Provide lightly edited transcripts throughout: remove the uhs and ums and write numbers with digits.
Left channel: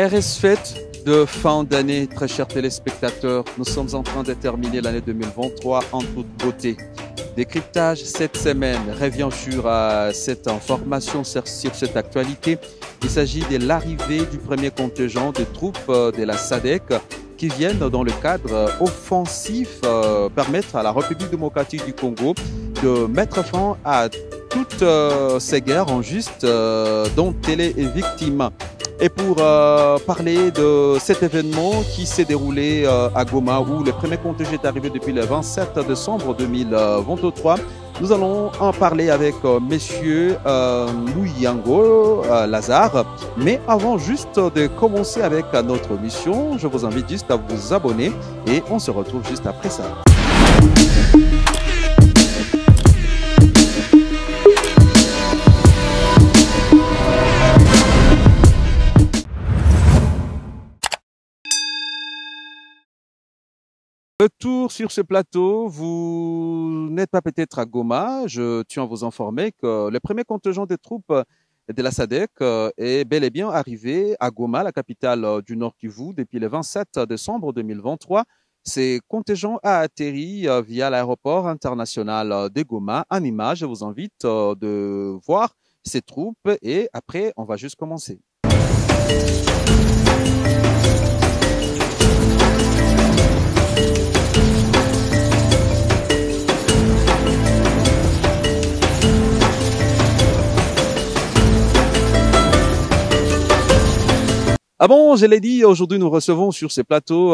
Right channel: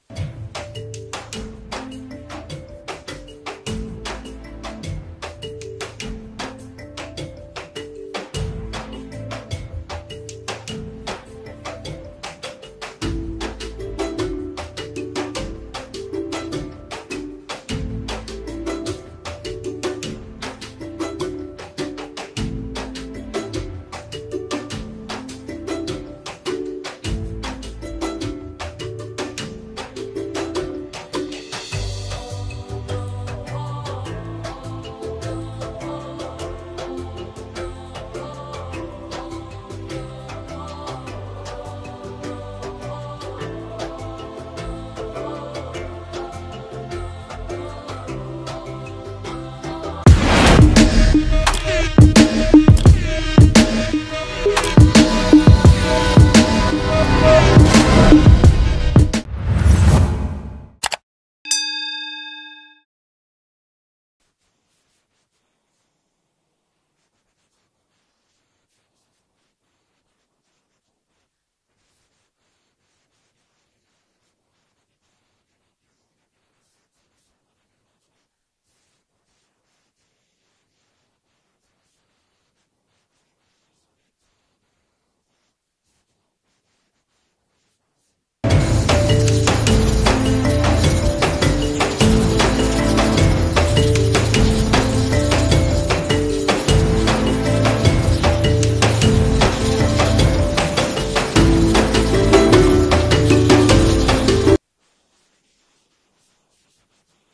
RS Fête de fin d'année, très chers téléspectateurs. Nous sommes en train de terminer l'année 2023 en toute beauté. Décryptage cette semaine revient sur cette information, sur cette actualité. Il s'agit de l'arrivée du premier contingent de troupes de la SADC qui viennent dans le cadre offensif permettre à la République démocratique du Congo de mettre fin à toutes ces guerres injustes dont elle est victime. Et pour parler de cet événement qui s'est déroulé à Goma, où le premier contingent est arrivé depuis le 27 décembre 2023, nous allons en parler avec Monsieur Mouyango Lazare. Mais avant juste de commencer avec notre mission, je vous invite juste à vous abonner et on se retrouve juste après ça. Retour sur ce plateau, vous n'êtes pas peut-être à Goma. Je tiens à vous informer que le premier contingent des troupes de la SADC est bel et bien arrivé à Goma, la capitale du Nord Kivu, depuis le 27 décembre 2023. Ce contingent a atterri via l'aéroport international de Goma. En image, je vous invite de voir ces troupes et après, on va juste commencer. Ah bon, je l'ai dit, aujourd'hui nous recevons sur ce plateau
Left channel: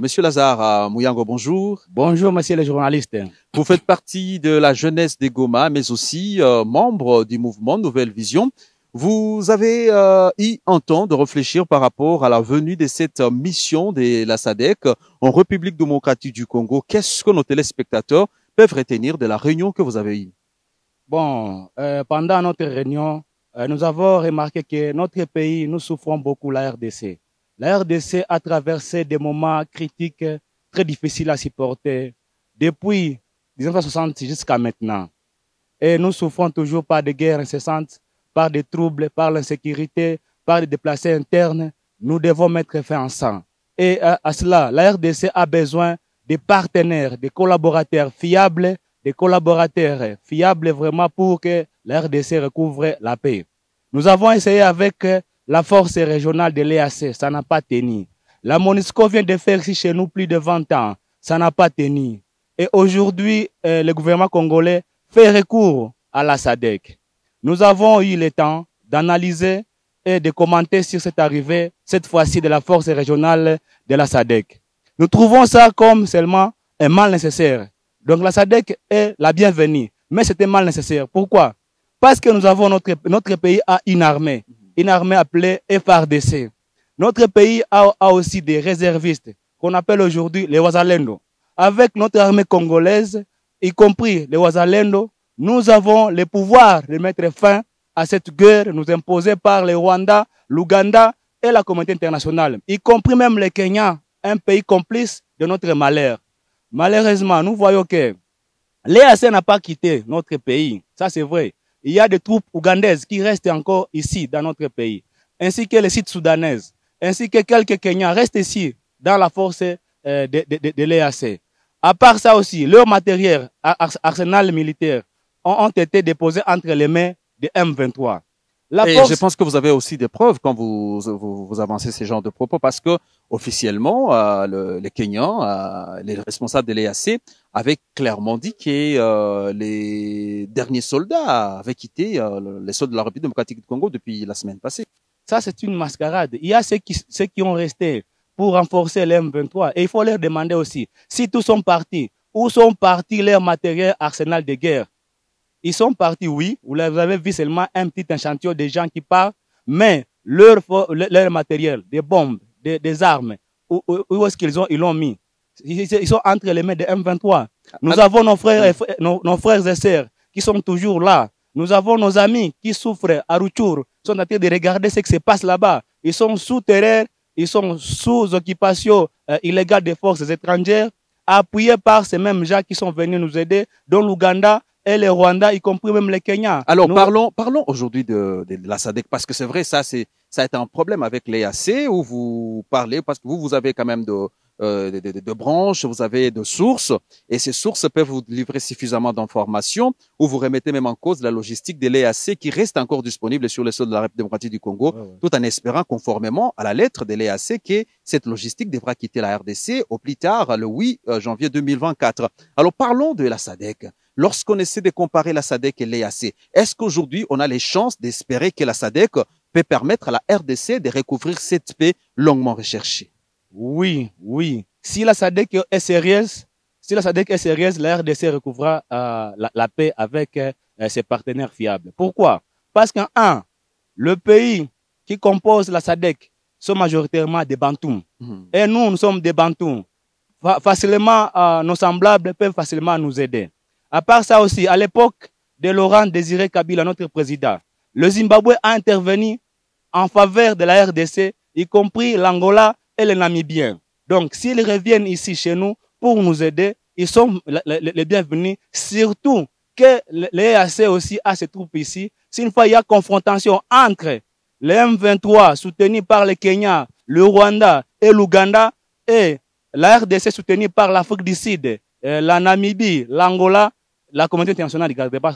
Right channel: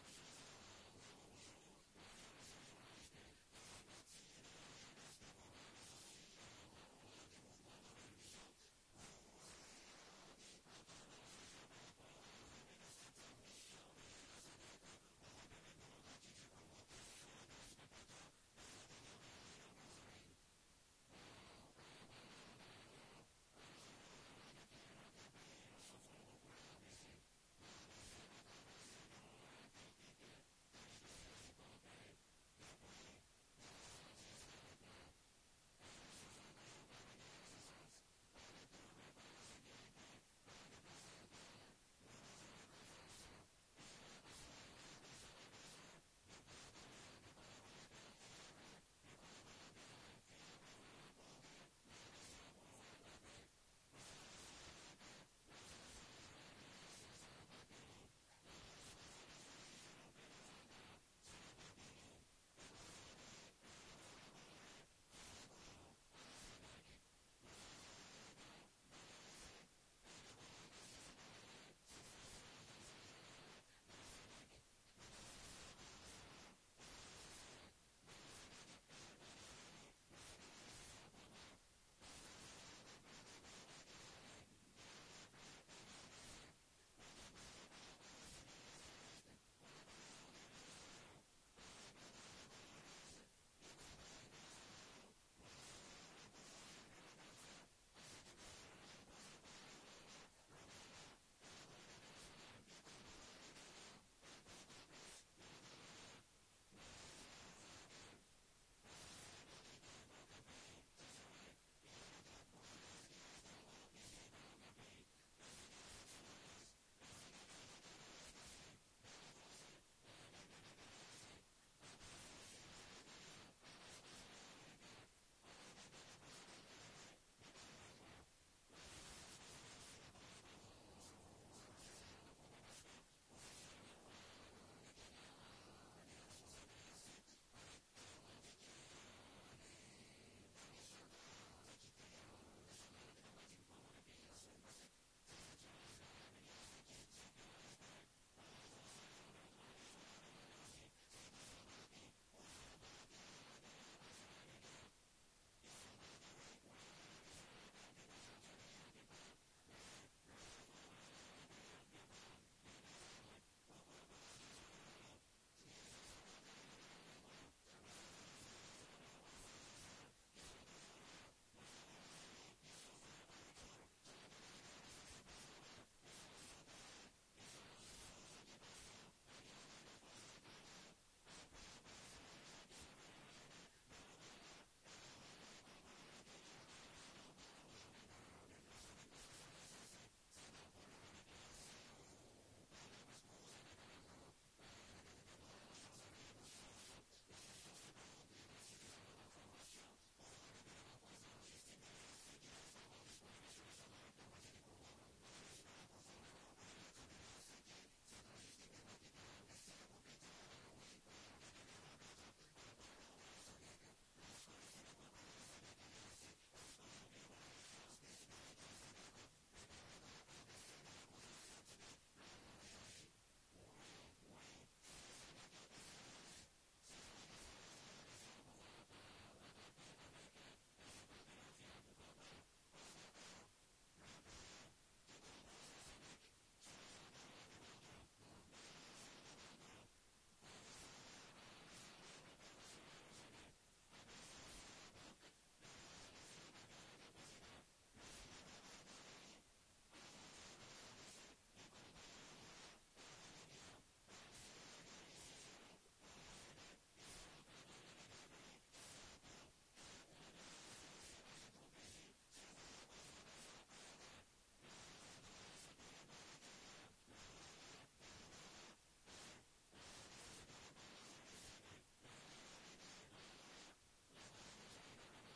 Monsieur Lazare Mouyango, bonjour. Bonjour, monsieur le journaliste. Vous faites partie de la jeunesse des Goma, mais aussi membre du mouvement Nouvelle Vision. Vous avez eu un temps de réfléchir par rapport à la venue de cette mission de la SADC en République démocratique du Congo. Qu'est-ce que nos téléspectateurs peuvent retenir de la réunion que vous avez eue? Bon, pendant notre réunion, nous avons remarqué que notre pays, nous souffrons beaucoup la RDC. La RDC a traversé des moments critiques très difficiles à supporter depuis 1960 jusqu'à maintenant. Et nous souffrons toujours par des guerres incessantes, par des troubles, par l'insécurité, par des déplacés internes. Nous devons mettre fin ensemble. Et à cela, la RDC a besoin de partenaires, de collaborateurs fiables, vraiment pour que la RDC recouvre la paix. Nous avons essayé avec la force régionale de l'EAC, ça n'a pas tenu. La MONUSCO vient de faire ici chez nous plus de 20 ans, ça n'a pas tenu. Et aujourd'hui, le gouvernement congolais fait recours à la SADC. Nous avons eu le temps d'analyser et de commenter sur cette arrivée, cette fois-ci de la force régionale de la SADC. Nous trouvons ça comme seulement un mal nécessaire. Donc la SADC est la bienvenue, mais c'était mal nécessaire. Pourquoi? Parce que nous avons notre pays a une armée appelée FARDC. Notre pays a aussi des réservistes qu'on appelle aujourd'hui les Wazalendo. Avec notre armée congolaise, y compris les Wazalendo, nous avons le pouvoir de mettre fin à cette guerre nous imposée par le Rwanda, l'Ouganda et la communauté internationale, y compris même le Kenya, un pays complice de notre malheur. Malheureusement, nous voyons que l'EAC n'a pas quitté notre pays. Ça, c'est vrai. Il y a des troupes ougandaises qui restent encore ici, dans notre pays, ainsi que les sites soudanaises, ainsi que quelques Kenyans restent ici, dans la force de l'EAC. À part ça aussi, leurs matériels, arsenal militaire, ont été déposés entre les mains de M23. Je pense que vous avez aussi des preuves quand vous avancez ces genres de propos, parce que officiellement, les Kenyans, les responsables de l'EAC, avaient clairement dit que les derniers soldats avaient quitté les soldats de la République démocratique du Congo depuis la semaine passée. Ça, c'est une mascarade. Il y a ceux qui ont resté pour renforcer les M23. Et il faut leur demander aussi, si tous sont partis, où sont partis leurs matériels arsenal de guerre? Ils sont partis, oui. Vous avez vu seulement un petit échantillon de gens qui partent, mais leur matériel, des bombes, des armes, où est-ce ils l'ont mis? Ils sont entre les mains de M23. Nous avons nos frères et sœurs qui sont toujours là. Nous avons nos amis qui souffrent à Rutshuru, qui sont en train de regarder ce qui se passe là-bas. Ils sont sous terreur, ils sont sous occupation illégale des forces étrangères, appuyés par ces mêmes gens qui sont venus nous aider, dont l'Ouganda et le Rwanda, y compris même le Kenya. Alors, parlons aujourd'hui de la SADC, parce que c'est vrai, ça a été un problème avec l'EAC, où vous parlez, parce que vous avez quand même de branches, vous avez de sources, et ces sources peuvent vous livrer suffisamment d'informations, ou vous remettez même en cause la logistique de l'EAC qui reste encore disponible sur le sol de la République démocratique du Congo, tout en espérant, conformément à la lettre de l'EAC, que cette logistique devra quitter la RDC au plus tard, le 8 janvier 2024. Alors, parlons de la SADC. Lorsqu'on essaie de comparer la SADC et l'EAC, est-ce qu'aujourd'hui, on a les chances d'espérer que la SADC peut permettre à la RDC de recouvrir cette paix longuement recherchée? Oui, oui. Si la SADC est sérieuse, la RDC recouvrira la paix avec ses partenaires fiables. Pourquoi? Parce qu'un, le pays qui compose la SADC sont majoritairement des Bantous. Et nous sommes des Bantous. Facilement, nos semblables peuvent facilement nous aider. À part ça aussi, à l'époque de Laurent Désiré Kabila, notre président, le Zimbabwe a intervenu en faveur de la RDC, y compris l'Angola et le Namibien. Donc, s'ils reviennent ici chez nous pour nous aider, ils sont les bienvenus. Surtout que l'EAC aussi a ses troupes ici. Si une fois il y a confrontation entre les M23 soutenus par le Kenya, le Rwanda et l'Ouganda et la RDC soutenue par l'Afrique du Sud, la Namibie, l'Angola, la communauté internationale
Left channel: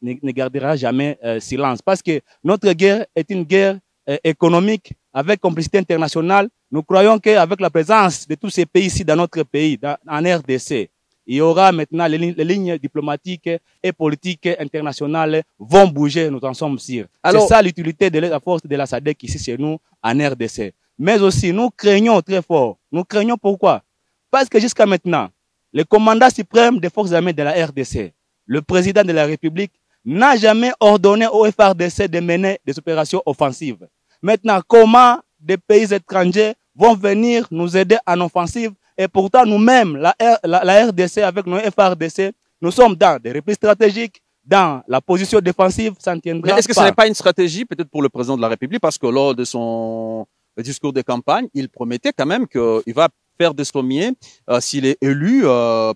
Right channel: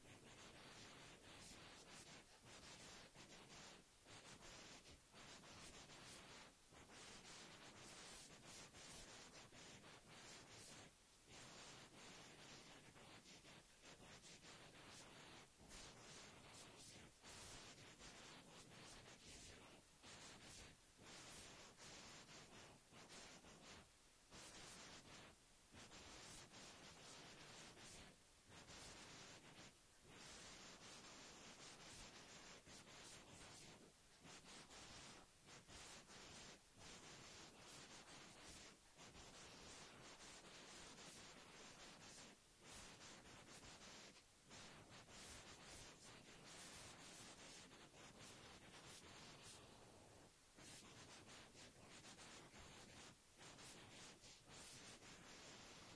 ne gardera jamais silence. Parce que notre guerre est une guerre économique avec complicité internationale. Nous croyons qu'avec la présence de tous ces pays ici dans notre pays, en RDC, il y aura maintenant les lignes diplomatiques et politiques internationales vont bouger, nous en sommes sûrs. C'est ça l'utilité de la force de la SADC ici chez nous en RDC. Mais aussi, nous craignons très fort. Nous craignons pourquoi? Parce que jusqu'à maintenant, le commandant suprême des forces armées de la RDC, le président de la République, n'a jamais ordonné au FARDC de mener des opérations offensives. Maintenant, comment des pays étrangers vont venir nous aider en offensive? Et pourtant, nous-mêmes, la RDC, avec nos FARDC, nous sommes dans des replis stratégiques, dans la position défensive, ça ne tiendra pas. Est-ce que ce n'est pas une stratégie peut-être pour le président de la République? Parce que lors de son discours de campagne, il promettait quand même qu'il va faire des sommiers, s'il est élu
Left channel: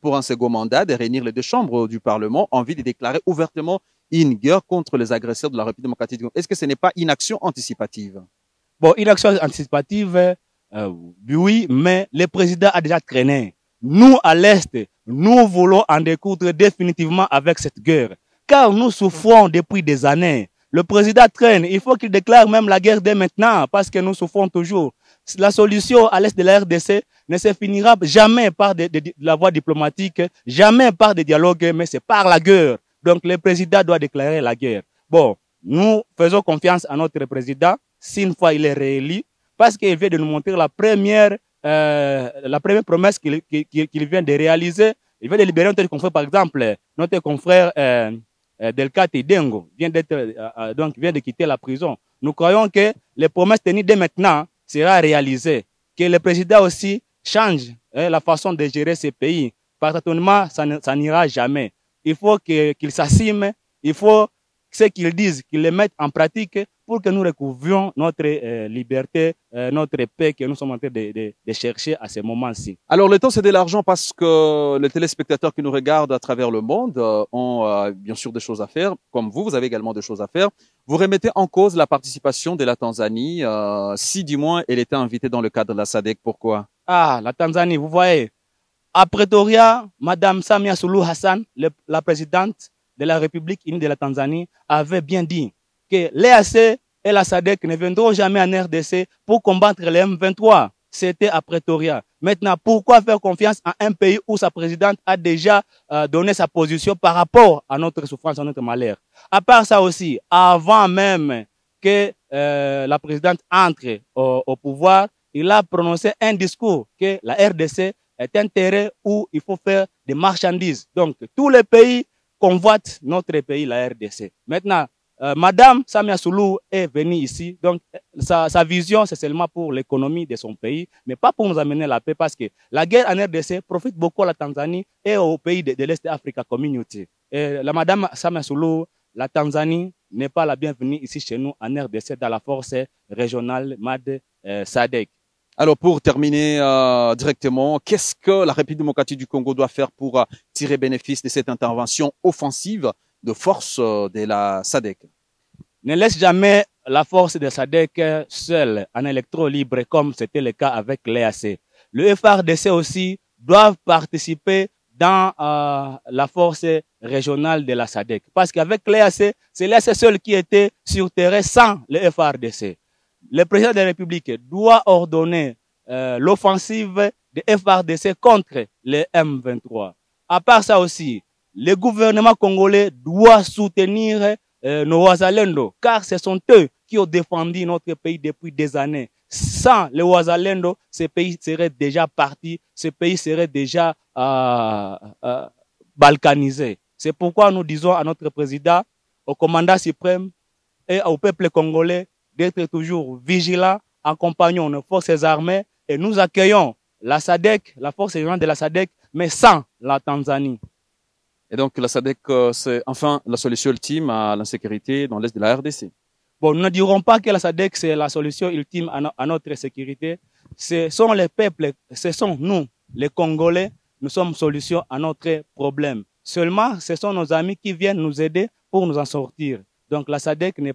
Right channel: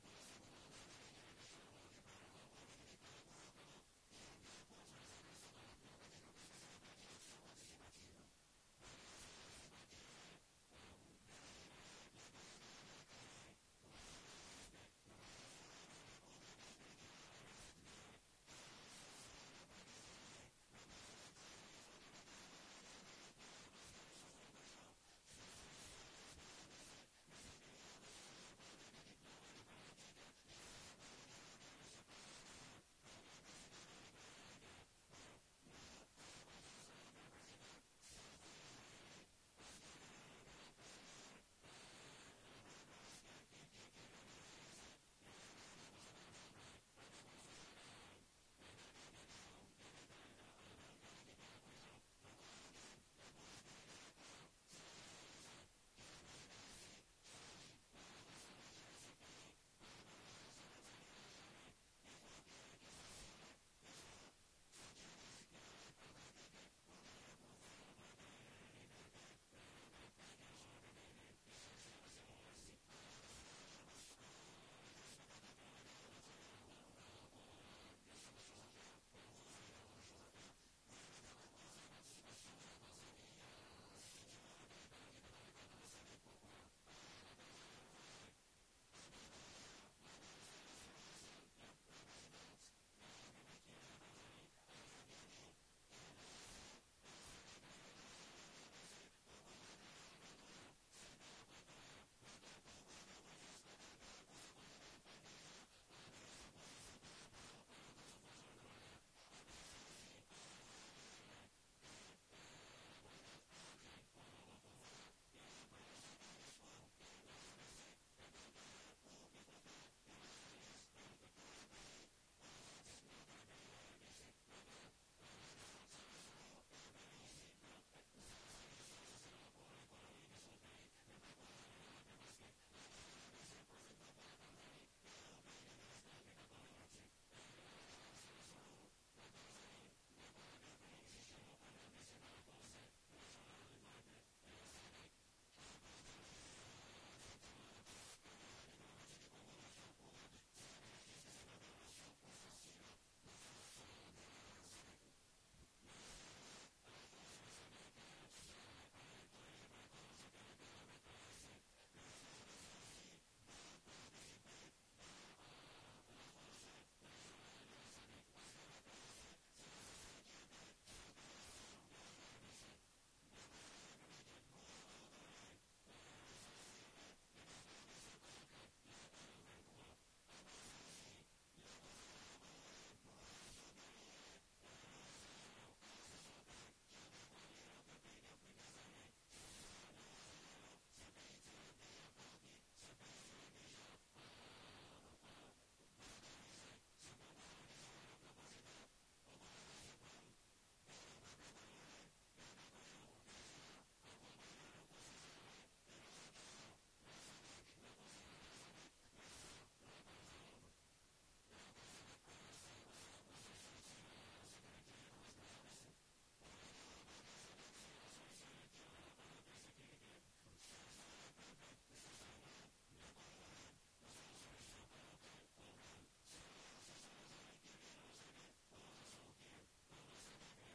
pour un second mandat, de réunir les deux chambres du Parlement en vue de déclarer ouvertement une guerre contre les agresseurs de la République démocratique du Congo. Est-ce que ce n'est pas une action anticipative? Bon, une action anticipative, oui, mais le président a déjà traîné. Nous, à l'Est, nous voulons en découdre définitivement avec cette guerre, car nous souffrons depuis des années. Le président traîne, il faut qu'il déclare même la guerre dès maintenant, parce que nous souffrons toujours. La solution à l'Est de la RDC ne se finira jamais par de la voie diplomatique, jamais par des dialogues, mais c'est par la guerre. Donc le président doit déclarer la guerre. Bon, nous faisons confiance à notre président, si une fois il est réélu, parce qu'il vient de nous montrer la première promesse qu'il vient de réaliser. Il vient de libérer notre confrère, par exemple, notre confrère Delcat Dengo vient de quitter la prison. Nous croyons que les promesses tenues dès maintenant sera réalisées, que le président aussi change la façon de gérer ces pays. Partenariat, ça n'ira jamais. Il faut qu'il s'assume, il faut ce qu'ils disent, qu'ils le mettent en pratique pour que nous recouvrions notre liberté, notre paix que nous sommes en train de chercher à ce moment-ci. Alors, le temps, c'est de l'argent parce que les téléspectateurs qui nous regardent à travers le monde ont bien sûr des choses à faire. Comme vous avez également des choses à faire. Vous remettez en cause la participation de la Tanzanie, si du moins elle était invitée dans le cadre de la SADC. Pourquoi? Ah, la Tanzanie, vous voyez, à Pretoria, Mme Samia Suluhu Hassan, la présidente de la République unie de la Tanzanie, avait bien dit que l'EAC et la SADC ne viendront jamais en RDC pour combattre les M23. C'était à Pretoria. Maintenant, pourquoi faire confiance à un pays où sa présidente a déjà donné sa position par rapport à notre souffrance, à notre malheur? À part ça aussi, avant même que la présidente entre au pouvoir, il a prononcé un discours que la RDC est un terrain où il faut faire des marchandises. Donc, tous les pays convoitent notre pays, la RDC. Maintenant, Madame Samia Suluhu est venue ici. Donc, sa vision, c'est seulement pour l'économie de son pays, mais pas pour nous amener la paix, parce que la guerre en RDC profite beaucoup à la Tanzanie et aux pays de l'Est Africa Community. Et la Madame Samia Suluhu, la Tanzanie n'est pas la bienvenue ici chez nous en RDC dans la force régionale MAD SADC. Alors, pour terminer directement, qu'est-ce que la République démocratique du Congo doit faire pour tirer bénéfice de cette intervention offensive de force de la SADC. Ne laisse jamais la force de SADC seule en électro libre comme c'était le cas avec l'EAC. Le FRDC aussi doivent participer dans la force régionale de la SADC. Parce qu'avec l'EAC, c'est l'EAC seul qui était sur terrain sans le FRDC. Le président de la République doit ordonner l'offensive de FRDC contre les M23. À part ça aussi, le gouvernement congolais doit soutenir nos Ouazalendo, car ce sont eux qui ont défendu notre pays depuis des années. Sans les Ouazalendo, ce pays serait déjà parti, ce pays serait déjà balkanisé. C'est pourquoi nous disons à notre président, au commandant suprême et au peuple congolais d'être toujours vigilants, accompagnons nos forces armées et nous accueillons la SADC, la force régionale de la SADC, mais sans la Tanzanie. Et donc la SADC, c'est enfin la solution ultime à l'insécurité dans l'est de la RDC. Bon, nous ne dirons pas que la SADC, c'est la solution ultime à notre sécurité. Ce sont les peuples, ce sont nous, les Congolais, nous sommes solution à notre problème. Seulement, ce sont nos amis qui viennent nous aider pour nous en sortir. Donc la SADC n'est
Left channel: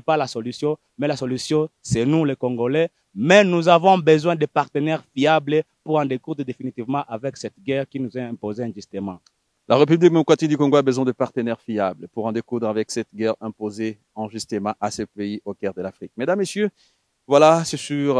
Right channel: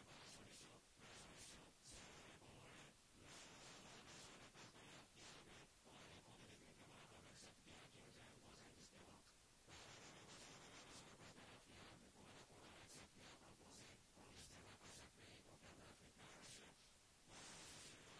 pas la solution, mais la solution, c'est nous, les Congolais. Mais nous avons besoin de partenaires fiables pour en découdre définitivement avec cette guerre qui nous est imposée injustement. La République démocratique du Congo a besoin de partenaires fiables pour en découdre avec cette guerre imposée injustement à ce pays au cœur de l'Afrique. Mesdames, Messieurs, voilà, c'est sur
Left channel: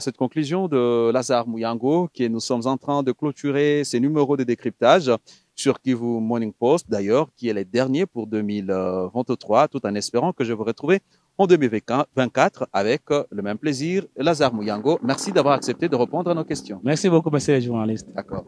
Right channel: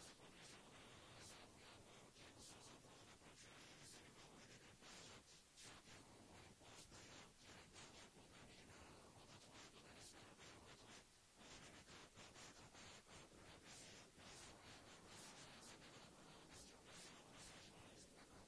cette conclusion de Lazare Muyango que nous sommes en train de clôturer ces numéros de décryptage sur Kivu Morning Post, d'ailleurs, qui est le dernier pour 2023, tout en espérant que je vous retrouve en 2024 avec le même plaisir. Lazare Muyango, merci d'avoir accepté de répondre à nos questions. Merci beaucoup, monsieur le journaliste. D'accord.